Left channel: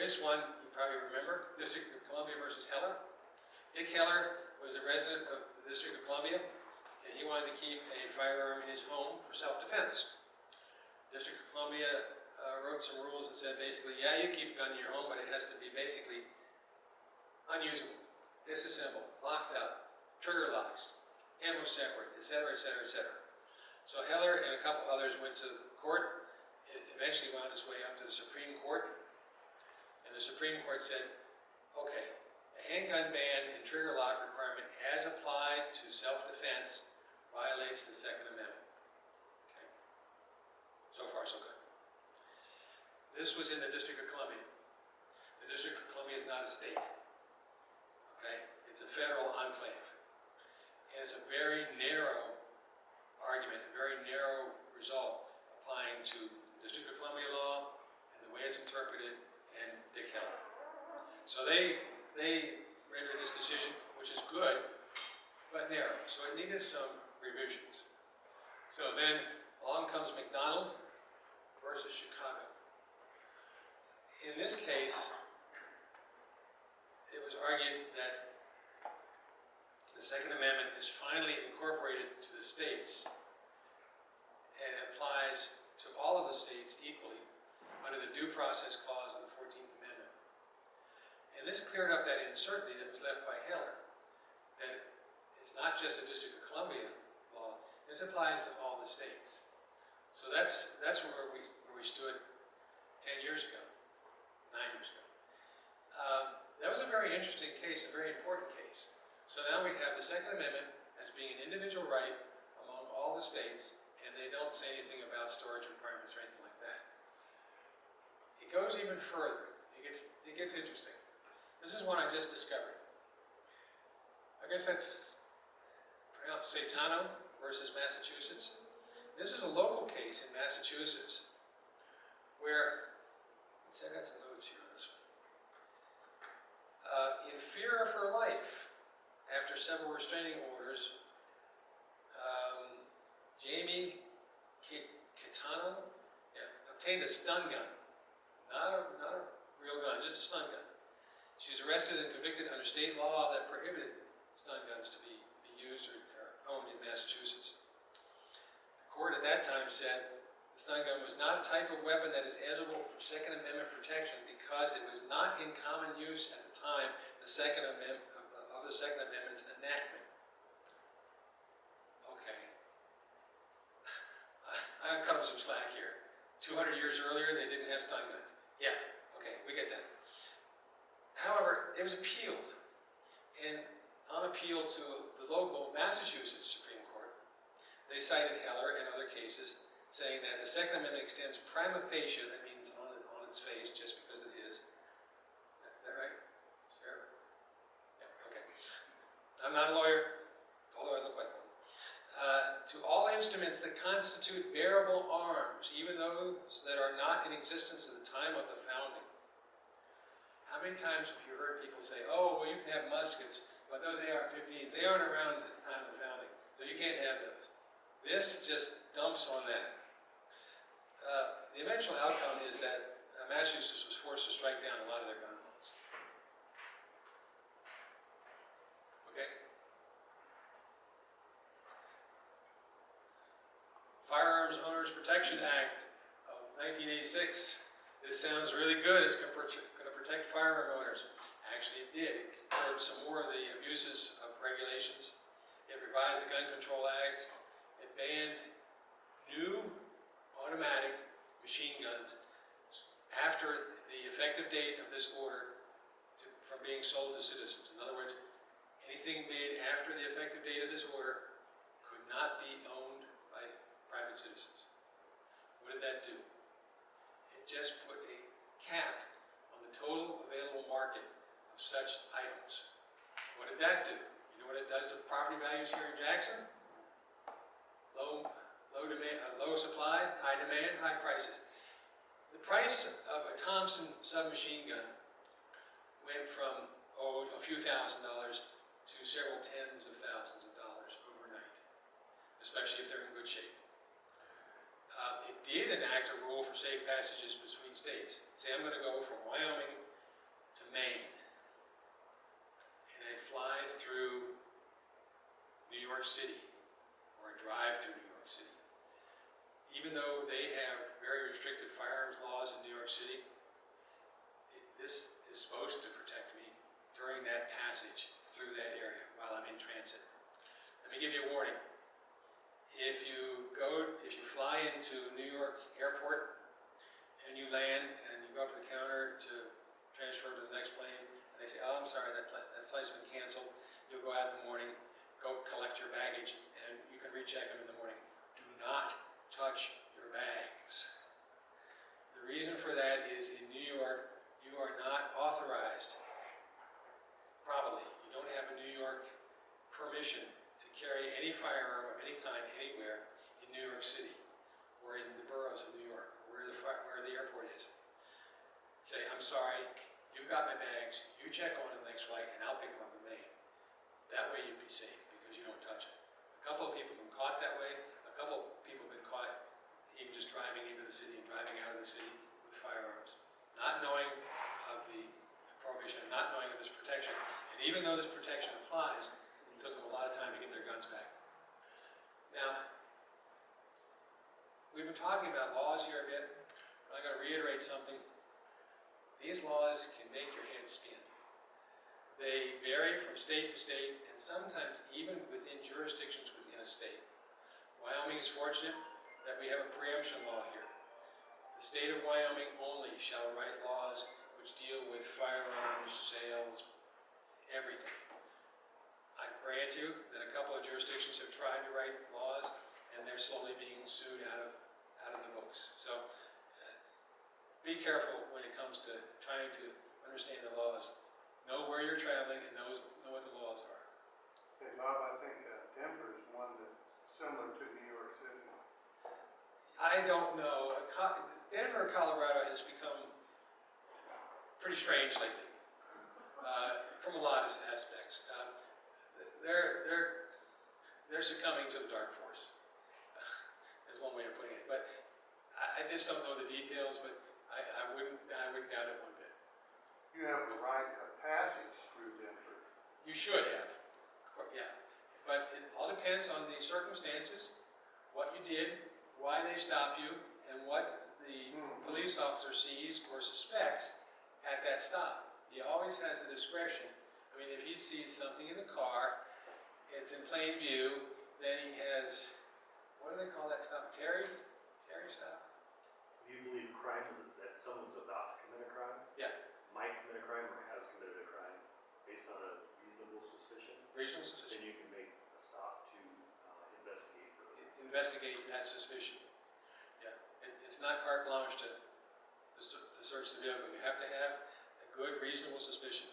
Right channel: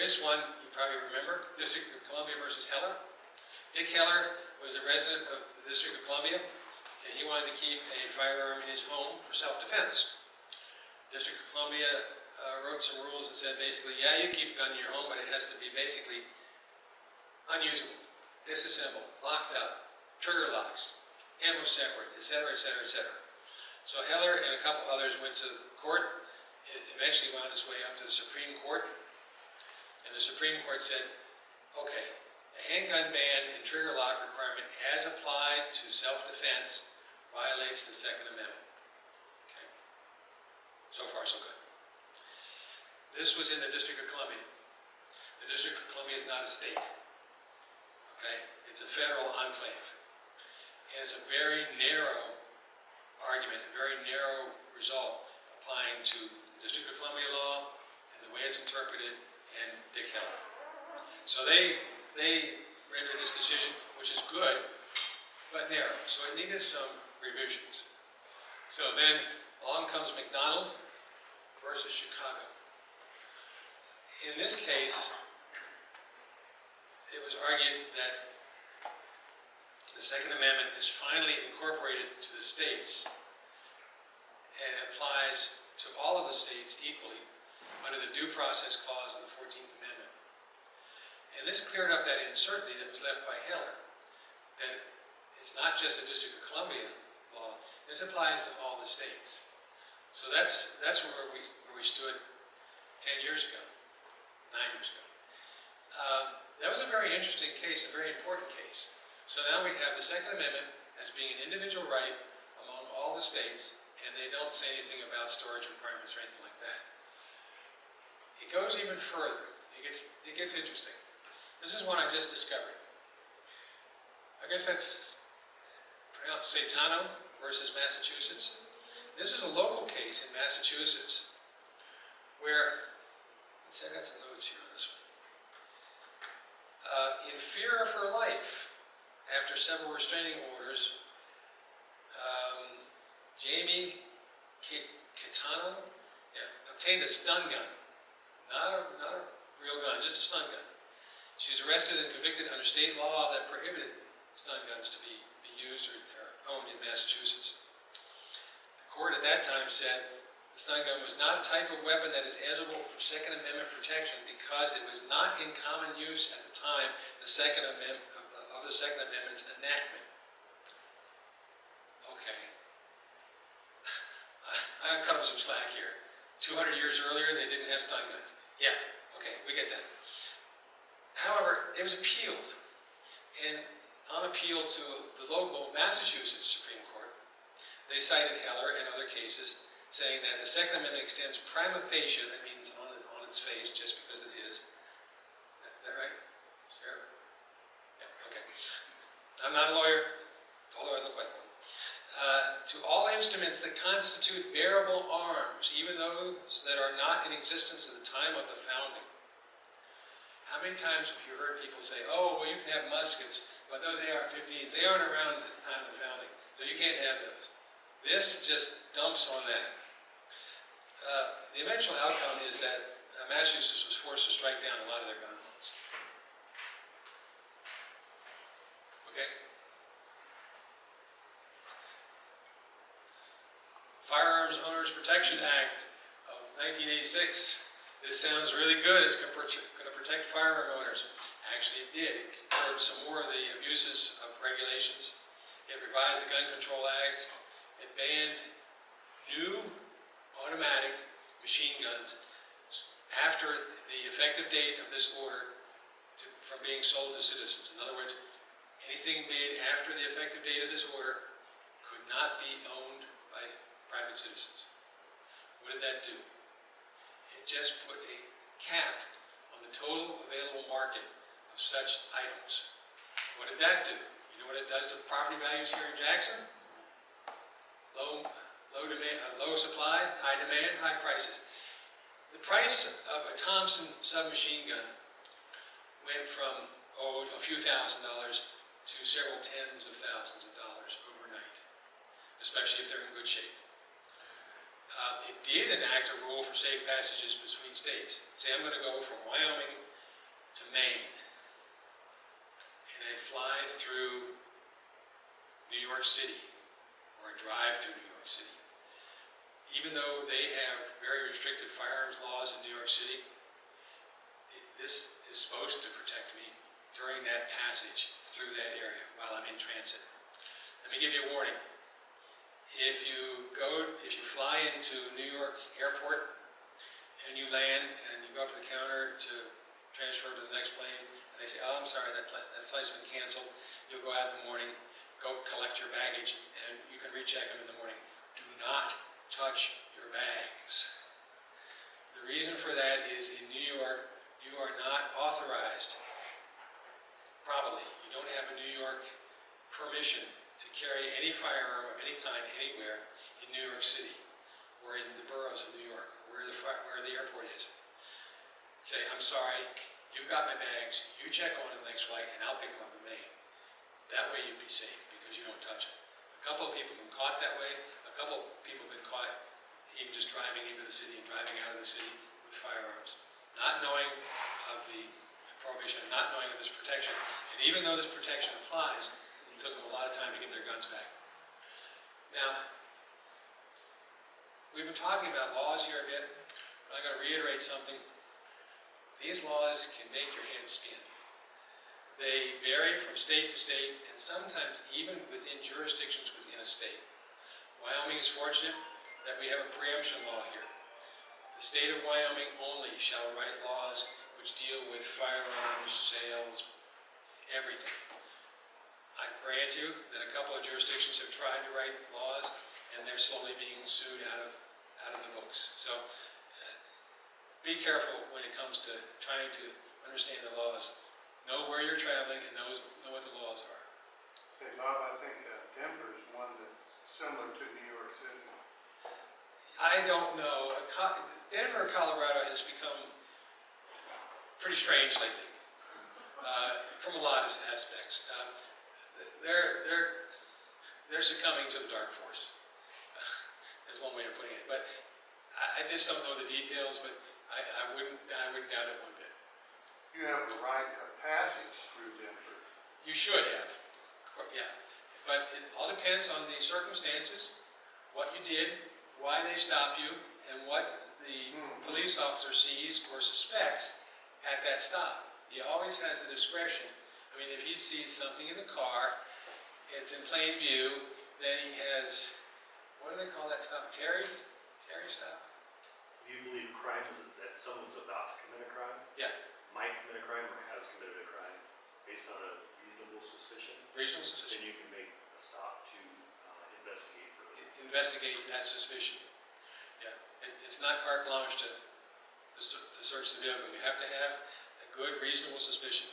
Here's one you probably remember, District of Columbia versus Heller. Dick Heller was a resident of the District of Columbia, and he wanted to keep a firearm in his home for self-defense. District of Columbia wrote some rules that said basically, yeah, you keep a gun in your home, but it has to be basically unusable, disassembled, locked up, trigger locks, ammo separate, etc., etc., etc. So Heller and a couple others went to court. It eventually wound its way up to the Supreme Court. And the Supreme Court said, okay, a handgun ban and trigger lock requirement as applied to self-defense violates the Second Amendment. Okay. So far, so good. This was in the District of Columbia. The District of Columbia is not a state. Okay? It's a federal enclave. And it's a very narrow argument, a very narrow result applying to District of Columbia law and the way it's interpreted and Dick Heller. So they rendered this decision, which is good, but narrow. So it needed some revisions. So then along comes McDonald versus Chicago. In this case, it was argued that the Second Amendment is finally incorporated to the states and applies to all of the states equally under the Due Process Clause of the 14th Amendment. And this cleared up that uncertainty that was left by Heller, that it's not just a District of Columbia law, this applies to all the states. So that's where we stood 10 years ago, 9 years ago. That was a very interesting case, a very important case. So now we have the Second Amendment as being an individual right among all the states, and they don't say anything about storage requirements or anything like that. It goes even further. It gets interesting. This is one I just discovered. I guess that's pronounced Caetano versus Massachusetts. This is a local case in Massachusetts where, let's say I got some notes here on this one. In fear of her life, after several restraining orders, Jamie Caetano obtained a stun gun. Not a real gun, just a stun gun. She was arrested and convicted under state law that prohibited stun guns to be used or owned in Massachusetts. The court at that time said the stun gun was not a type of weapon that is eligible for Second Amendment protection because it was not in common use at the time of the Second Amendment's enactment. Okay. I'll cut them some slack here. 200 years earlier, they didn't have stun guns. Yeah, okay, we get that. However, it was appealed. And on appeal to the local Massachusetts Supreme Court, they cited Heller and other cases saying that the Second Amendment extends prima facie, that means on its face, just because it is. Is that right? Sure? Yeah, okay. I'm not a lawyer, although I look like one. To all instruments that constitute bearable arms, even those that are not in existence at the time of the founding. How many times have you heard people say, oh, well, you can have muskets, but those AR-15s, they aren't around at the time of the founding, so you can't have those. This just dumps on that. The eventual outcome is that Massachusetts was forced to strike down a lot of their gun laws. Okay? Firearms Owners Protection Act of 1986. This sounds really good. It's going to protect firearm owners. Actually, it did. It curbed some more of the abuses of regulations. It revised the Gun Control Act. It banned new automatic machine guns after the effective date of this order from being sold to citizens. In other words, anything made after the effective date of this order could not be owned by private citizens. What did that do? It just put a cap on the total available market of such items. What did that do? You know what it does to property values here in Jackson? Low supply, high demand, high prices. The price of a Thompson submachine gun went from a few $1,000s to several tens of thousands of dollars overnight, especially if they're in good shape. It did enact a rule for safe passages between states. Say I'm going to go from Wyoming to Maine, and I fly through New York City, or I drive through New York City, even though they have very restrictive firearms laws in New York City, this is supposed to protect me during that passage through that area while I'm in transit. Let me give you a warning. If you fly into New York Airport and you land and you go up to the counter to transfer to the next plane, and they say, "Oh, I'm sorry, that flight's been canceled," you'll go out in the morning, go collect your baggage, and you can recheck them in the morning. Do not touch your bags. The reason for that is in New York, you are not authorized, probably, you don't have a New York permission to carry any firearm of any kind anywhere in New York City or in the boroughs of New York, or where the airport is. Say, "I'm sorry, you've got my bags, you check on the next flight and I'll pick them up in Maine." That way you'd be safe because you don't touch them. A couple of people have been caught that way. A couple of people have been caught even just driving into the city and driving out of the city with firearms, not knowing of the prohibition, not knowing of this protection. And even though this protection applies, it took them a lot of time to get their guns back. Now, we've been talking about laws here a bit, but I'm going to reiterate something. These laws can make your head spin. They vary from state to state, and sometimes even within jurisdictions within a state. Wyoming is fortunate that we have a preemption law here. The state of Wyoming only shall write laws which deal with firearms, sales, everything. I grant you that a couple of jurisdictions have tried to write laws, and they're slowly being sued out of the books. So be careful when it comes to trying to understand the laws. Know where you're traveling and know what the laws are. Say, Bob, I think Denver is one that's similar to New York City. I don't know. Denver, Colorado has become pretty strange lately, from a lot of aspects. They're succumbing to the dark force, is one way of putting it. But I just don't know the details, but I wouldn't doubt it one bit. You have a right of passage through Denver. You should have, yeah. But it all depends on the circumstances, what you did, why they stopped you, and what the police officer sees or suspects at that stop. He always has the discretion. I mean, if he sees something in the car, it's in plain view, then he has, what do they call that stop? Terry stop? If you believe crime is that someone's about to commit a crime, Yeah. might commit a crime or has committed a crime based on a reasonable suspicion, Reasonable suspicion. then you can make a stop to investigate further. Investigate that suspicion. Yeah. It's not carte blanche to search the vehicle. You have to have a good, reasonable suspicion.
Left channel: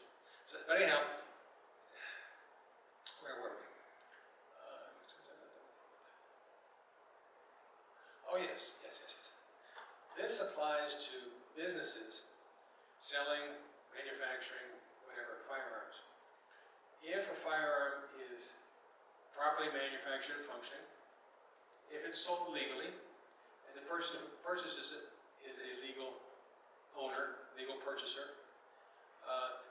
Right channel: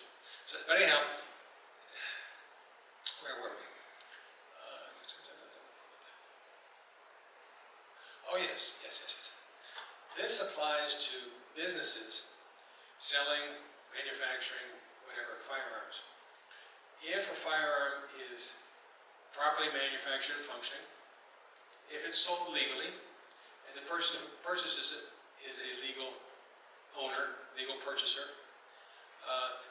So, but anyhow, where were we? Oh yes. This applies to businesses selling, manufacturing, whatever, firearms. If a firearm is properly manufactured and functioning, if it's sold legally, and the person who purchases it is a legal owner, legal purchaser,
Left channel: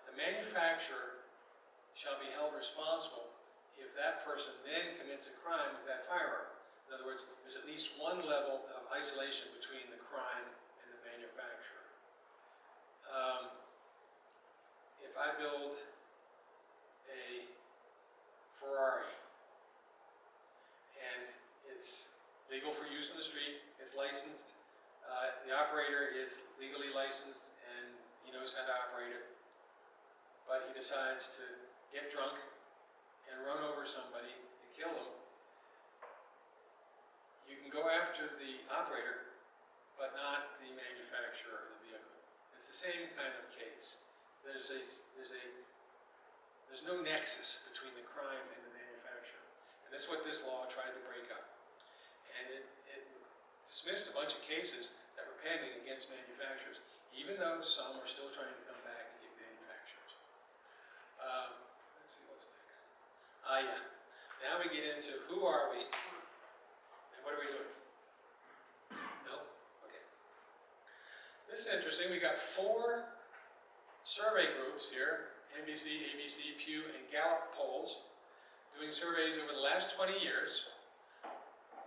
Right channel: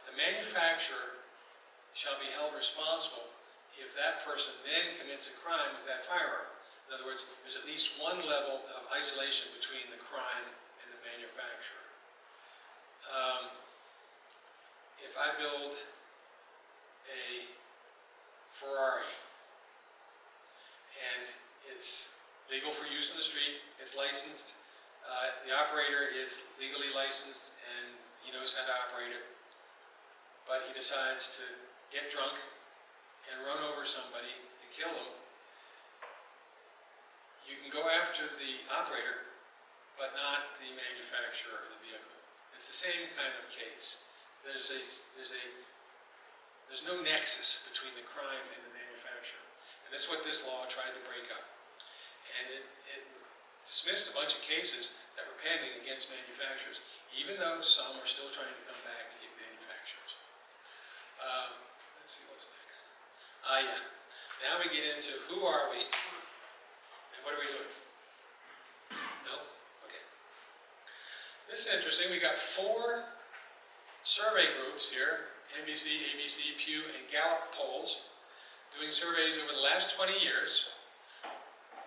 the manufacturer shall be held responsible if that person then commits a crime with that firearm. In other words, there's at least one level of isolation between the crime and the manufacturer. If I build a Ferrari and it's legal for use on the street, it's licensed, the operator is legally licensed and he knows how to operate it, but he decides to get drunk and run over somebody and kill them, you can go after the operator, but not the manufacturer of the vehicle. It's the same kind of case. There's no nexus between the crime and the manufacturer. And that's what this law tried to break up. And it dismissed a bunch of cases that were pending against manufacturers, even though some are still trying to come back and get manufacturers. Let's see what's next. Yeah. Now we get into who are we and what are we doing? No? Okay. This is interesting. We got 4 survey groups here, NBC, ABC, Pew, and Gallup polls, doing surveys over the last 20 years,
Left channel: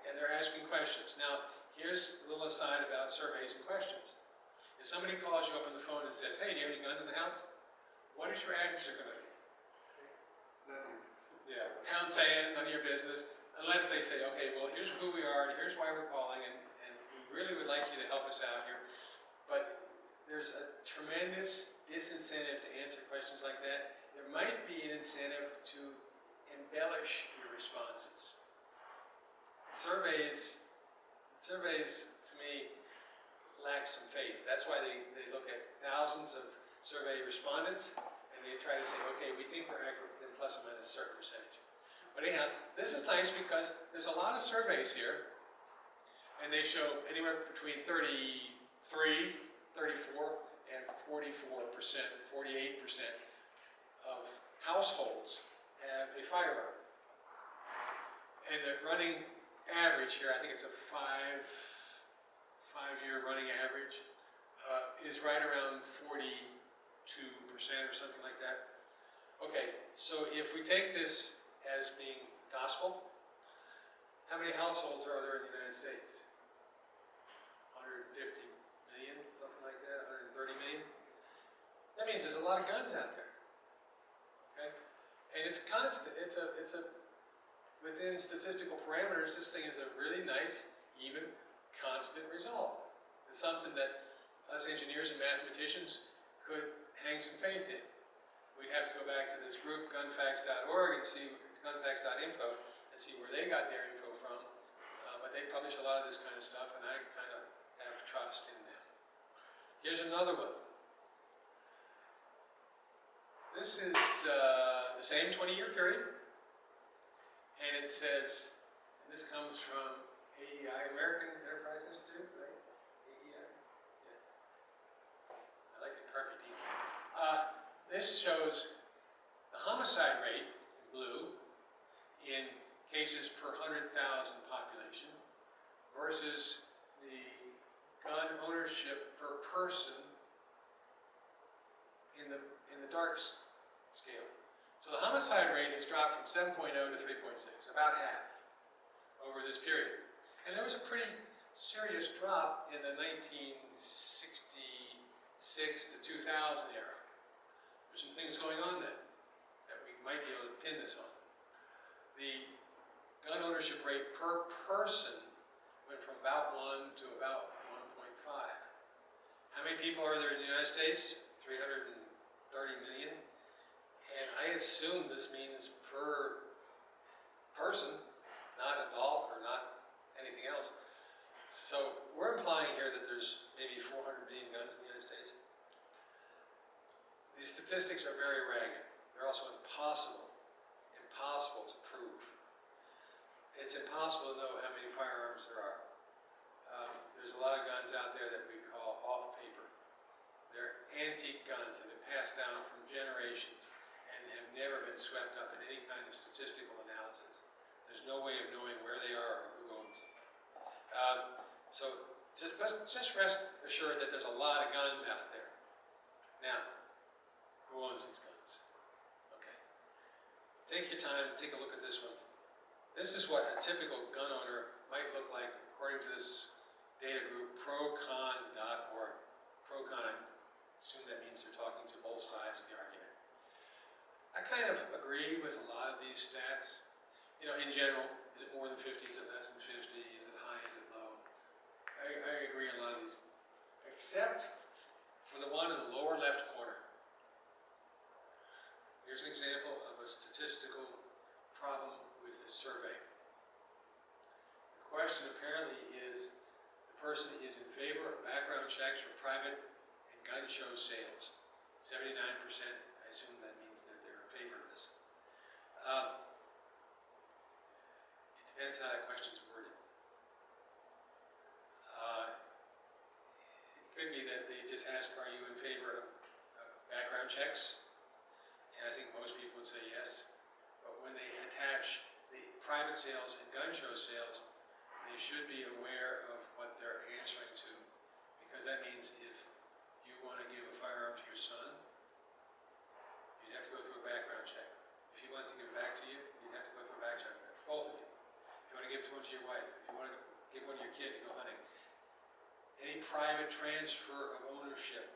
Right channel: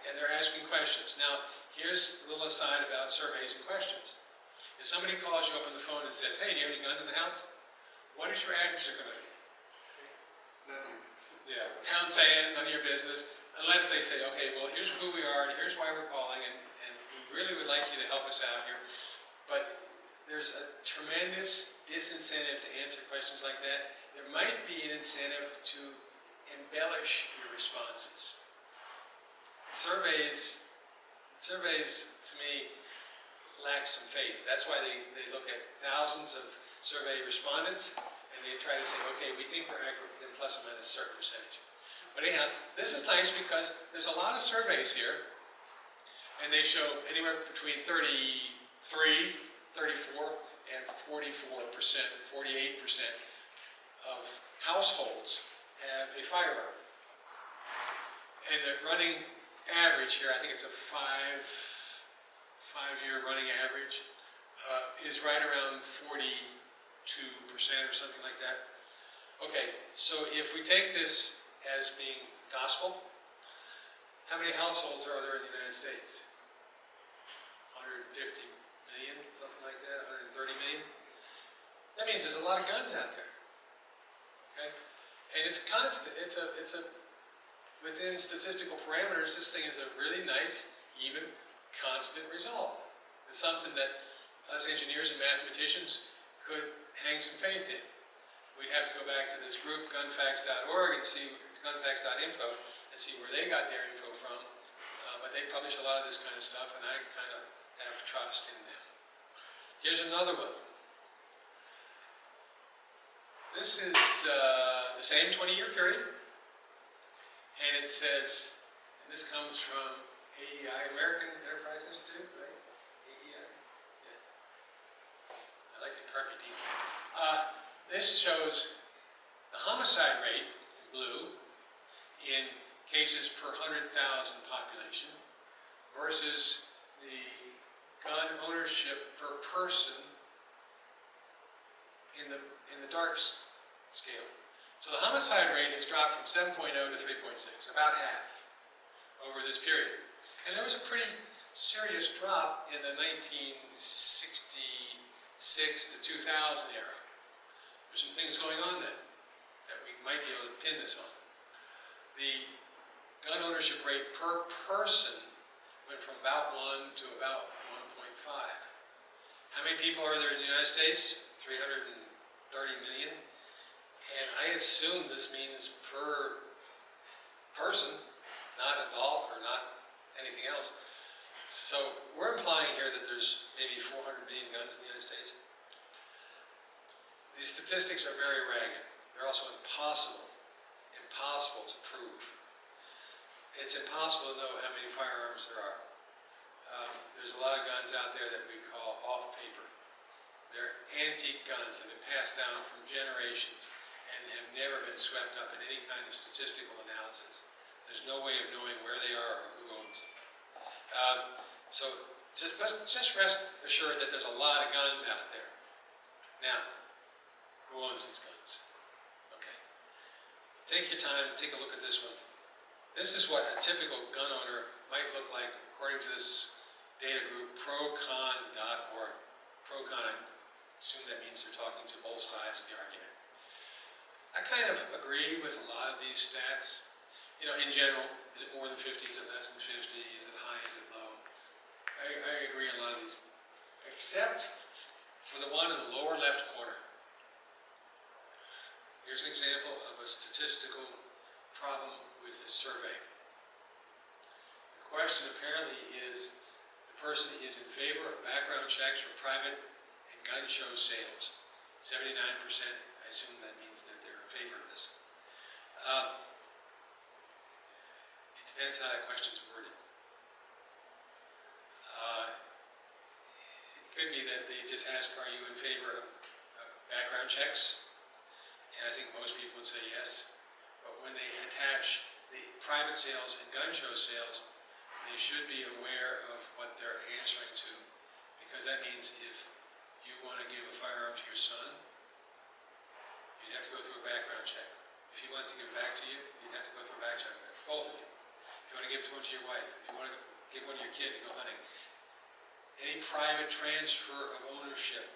and they're asking questions. Now, here's a little aside about surveys and questions. If somebody calls you up on the phone and says, hey, do you have any guns in the house? What is your answer going to be? Yeah, pound sand, none of your business, unless they say, okay, well, here's who we are, and here's why we're calling, and we really would like you to help us out here. But there's a tremendous disincentive to answer questions like that. There might be an incentive to embellish your responses. Surveys to me lack some faith. That's why they look at thousands of survey respondents and they try to say, okay, we think we're accurate, then plus or minus a certain percentage. But anyhow, this is nice because there's a lot of surveys here and they show anywhere between 33, 34, and 44%, 48% of households have a firearm. And the running average here, I think it's a five-year running average, is right around 42% or something like that. Okay, so if we take this as being gospel, how many households are there in the United States? 150 million, something like that, 130 million? That means there's a lot of guns out there, okay? And it's constant, it's a within statistical parameters, this thing is a really nice, even, constant result. It's something that us engineers and mathematicians could hang some faith in. We'd have to go back to this group, gunfacts.org, and see, gunfacts.info, and see where they got their info from. But they publish a lot of this kind of stuff, and I kind of have trust in them. Here's another one. This is the same 20-year period, and it says, and this comes from AEI, American Enterprise Institute, right? AEI? Yeah. I like it, carpe diem. This shows the homicide rate in blue in cases per 100,000 population versus the gun ownership per person in the dark scale. So the homicide rate has dropped from 7.0 to 3.6, about half over this period. And there was a pretty serious drop in the 1966 to 2000 era. There's some things going on then that we might be able to pin this on. The gun ownership rate per person went from about 1 to about 1.5. How many people are there in the United States? 330 million. And I assume this means per person, not adult or not anything else. So we're implying here that there's maybe 400 million guns in the United States. These statistics are very ragged. They're also impossible to prove. It's impossible to know how many firearms there are. There's a lot of guns out there that we call off paper. They're antique guns that have been passed down from generations and have never been swept up in any kind of statistical analysis. There's no way of knowing where they are or who owns them. So just rest assured that there's a lot of guns out there. Now, who owns these guns? Okay. Take your time, take a look at this one. This is what a typical gun owner might look like according to this data group, procon.org. Procon, I assume that means they're talking to both sides of the argument. I kind of agree with a lot of these stats. You know, in general, is it more than 50? Is it less than 50? Is it high? Is it low? I agree on a lot of these, except for the one in the lower left corner. Here's an example of a statistical problem with a survey. The question apparently is, the person is in favor of background checks for private and gun show sales. 79%, I assume that means that they're in favor of this. It depends how that question's worded. It could be that they just ask, are you in favor of background checks? And I think most people would say yes. But when they attach the private sales and gun show sales, they should be aware of what they're answering to. Because that means if you want to give a firearm to your son, give one to your wife, if you want to give one to your kid to go hunting, any private transfer of ownership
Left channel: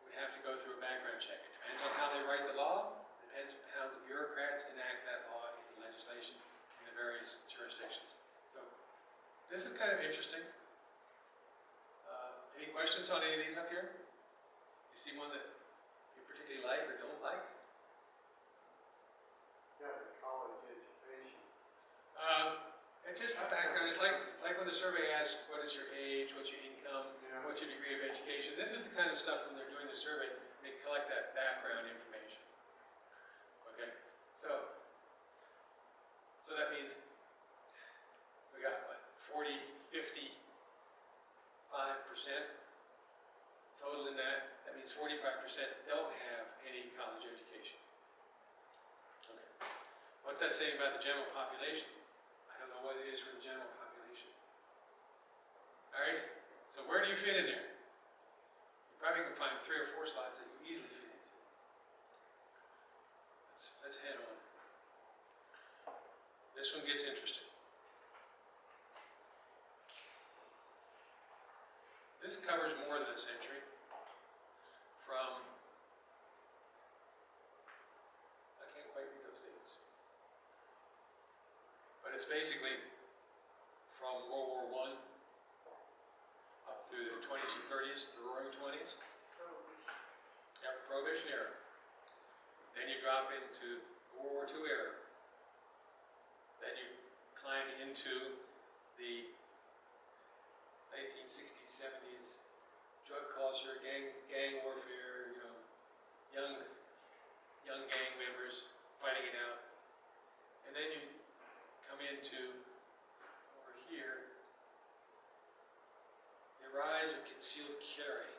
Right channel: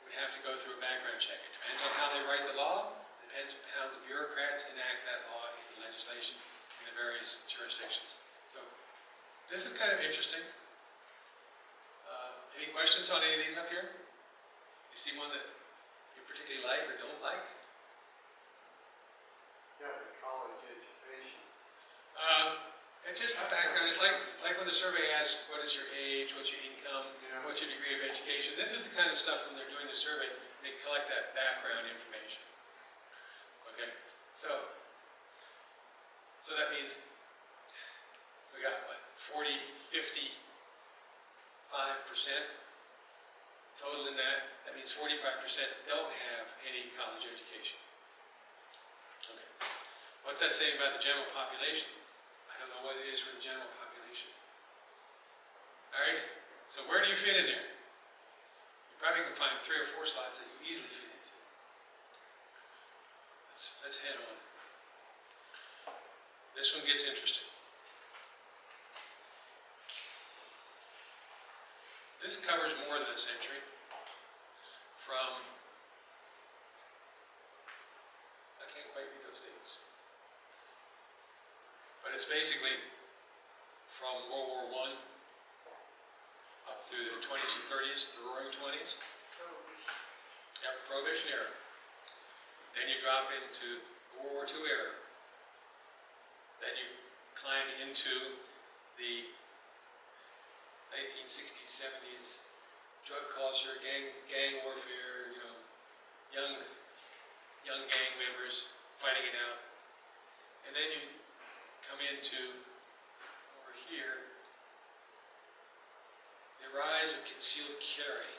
would have to go through a background check. It depends on how they write the law, it depends on how the bureaucrats enact that law into legislation in the various jurisdictions. So this is kind of interesting. Any questions on any of these up here? You see one that you particularly like or don't like? Yeah, the college education. It's just the background. It's like when the survey asks, what is your age, what's your income, Yeah. what's your degree of education? This is the kind of stuff when they're doing the survey, they collect that background information. Okay, so that means we got what, 40, 50, 5% total in that. That means 45% don't have any college education. Okay. What's that saying about the general population? I don't know what it is for the general population. All right, so where do you fit in there? You probably can find 3 or 4 slots that you easily fit into. Let's head on. This one gets interesting. This covers more than a century. From, I can't quite read those dates, but it's basically from World War I up through the 20s and 30s, the Roaring 20s. Yep, Prohibition era. Then you drop into the World War II era. Then you climb into the 1960s, 70s, drug culture, gang warfare, you know, young gang members fighting it out. And then you come into, over here, the rise of concealed carry.